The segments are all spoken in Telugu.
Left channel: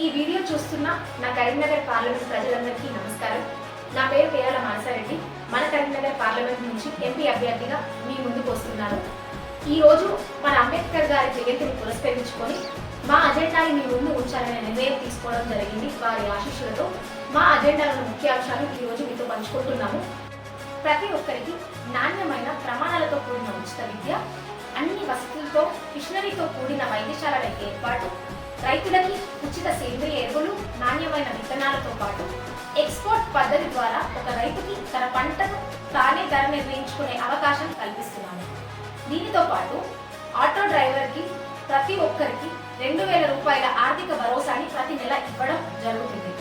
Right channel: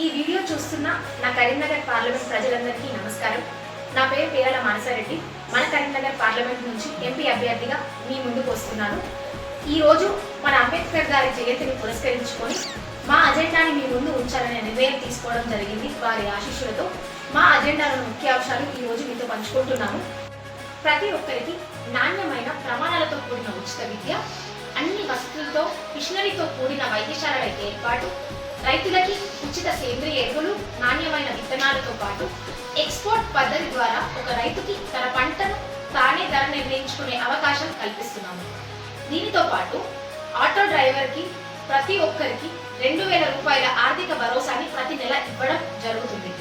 ఈ వీడియో చూస్తున్న నా కరీంనగర్ పార్లమెంట్ ప్రజలందరికీ నమస్కారం. నా పేరు పేరాల మానసారెడ్డి. మన కరీంనగర్ పార్లమెంట్ నుంచి ఎంపీ అభ్యర్థిగా మీ ముందుకు వస్తున్నాను. ఈ రోజు మన అంబేద్కర్ గారి జయంతిని పురస్కరించుకొని మా అజెండాని మీ ముందు ఉంచాలనే నిర్ణయం తీసుకోవడం జరిగింది వారి ఆశీస్సులతో. మా అజెండాలను ముఖ్యాంశాలు ఈ రోజు మీతో పంచుకుంటున్నాము. ప్రతి ఒక్కరికి నాణ్యమైన ప్రమాణాలతో కూడిన ఉచిత విద్య అన్ని వసతులతో మిషనరీతో కూడిన వైద్యశాలపై ఏర్పాటు రైతులకి ఉచిత సేంద్రియ ఎరువులు నాణ్యమైన విత్తనాలతో పాటు ఎక్స్పోర్ట్ పద్ధతి ద్వారా ఒక రైతుకి తన పంటను తానే ధర నిర్ణయించుకునే అవకాశం కల్పిస్తున్నాము. దీనితో పాటు ఆటో డ్రైవర్కి ప్రతి ఒక్కరికి రెండు వేల రూపాయల ఆర్థిక భరోసాని ప్రతి నెల ఇవ్వడం జరుగుతుంది.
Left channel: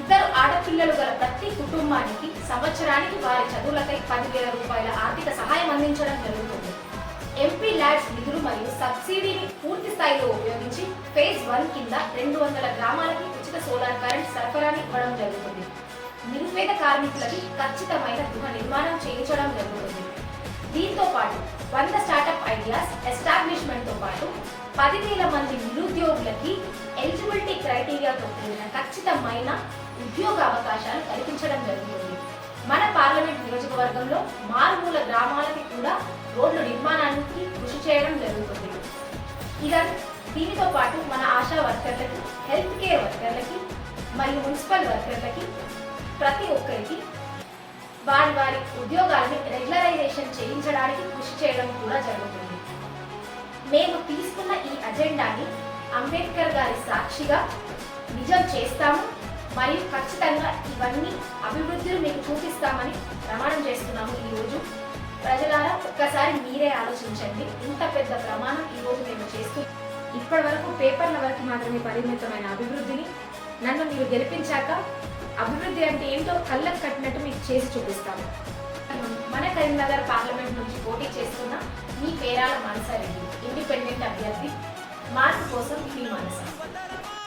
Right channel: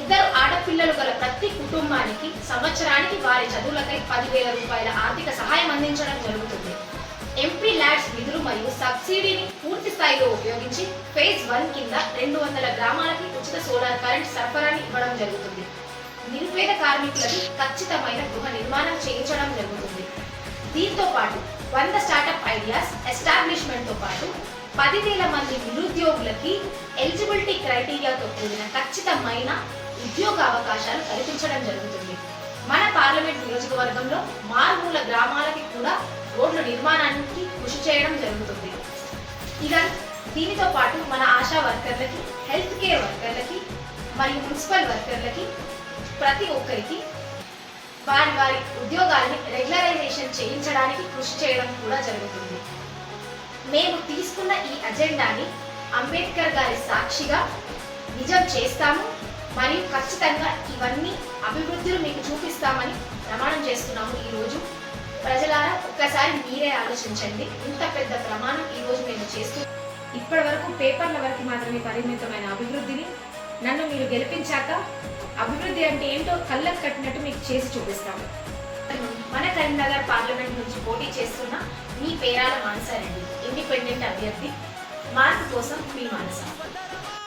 ఇద్దరు ఆడపిల్లలు గల ప్రతి కుటుంబానికి సంవత్సరానికి వారి చదువులకై పదివేల రూపాయల ఆర్థిక సహాయం అందించడం జరుగుతుంది. మరియు సబ్సిడీని పూర్తి స్థాయిలో ఉపయోగించి ఫేజ్ వన్ కింద రెండు వందల గ్రామాలకి ఉచిత సోలార్ కరెంట్ సరఫరాని ఇవ్వడం జరుగుతుంది. నిరుపేద కార్మికులకి ఖచ్చితమైన గృహ నిర్మాణం చేయించడం జరుగుతుంది. దీంతో పాటు వంద స్టార్టప్ ఐడియాస్ ఎస్టాబ్లిష్మెంట్తో పాటు పదివేల మంది నిరుద్యోగులకి ఎలిజిబిలిటీ క్రైటీరియాతో కూడిన ఖచ్చితమైన ఉద్యోగ అవకాశాలు కల్పించడం జరుగుతుంది. మన పార్లమెంట్ నియోజకవర్గంలో మారుమూల గ్రామాలకి కూడా రోడ్ల నిర్మాణాన్ని కృషి చేయడం జరుగుతుంది. ఇక దీనితో పాటు మన ఆశా వర్కర్లకి హెల్త్ కేర్ వర్కర్లకి మరియు మున్సిపల్ వర్కర్లకి ప్రతి ఒక్కరికి వారి వారి ఉద్యోగాలని రెగ్యులరైజేషన్ చేయించడానికి కృషి చేయడం కూడా జరుగుతుంది. మేము తీసుకున్న ఈ అజెండాని అంబేద్కర్ గారి సాక్షిగా నిజం చేస్తాము. మరియు ఖచ్చితంగా ఇవన్నీ అభివృద్ధులు మీకు చూపిస్తామని ప్రమాణం చేస్తున్నాము ఈరోజు. ప్రజలారా ఒక్కసారి మీరే ఆలోచించండి. ఇంత పెద్ద ప్రమాణం ఈరోజు మేము చేస్తూ ఇప్పటి వరకు పేపర్ల వరకు మాత్రమే పరిమితమైన అభివృద్ధిని నన్ను మీరు గెలిపించాక అభివృద్ధి అంటే ఏంటో కళ్ళకు కట్టినట్టు మీకు చేసి చూపిస్తాము మన కరీంనగర్ పార్లమెంట్ నుంచి పోటీ చేస్తున్న మీ పేరాల మనసారెడ్డి ఇండిపెండెంట్ అభ్యర్థి మార్పు కోసం మీ మనస.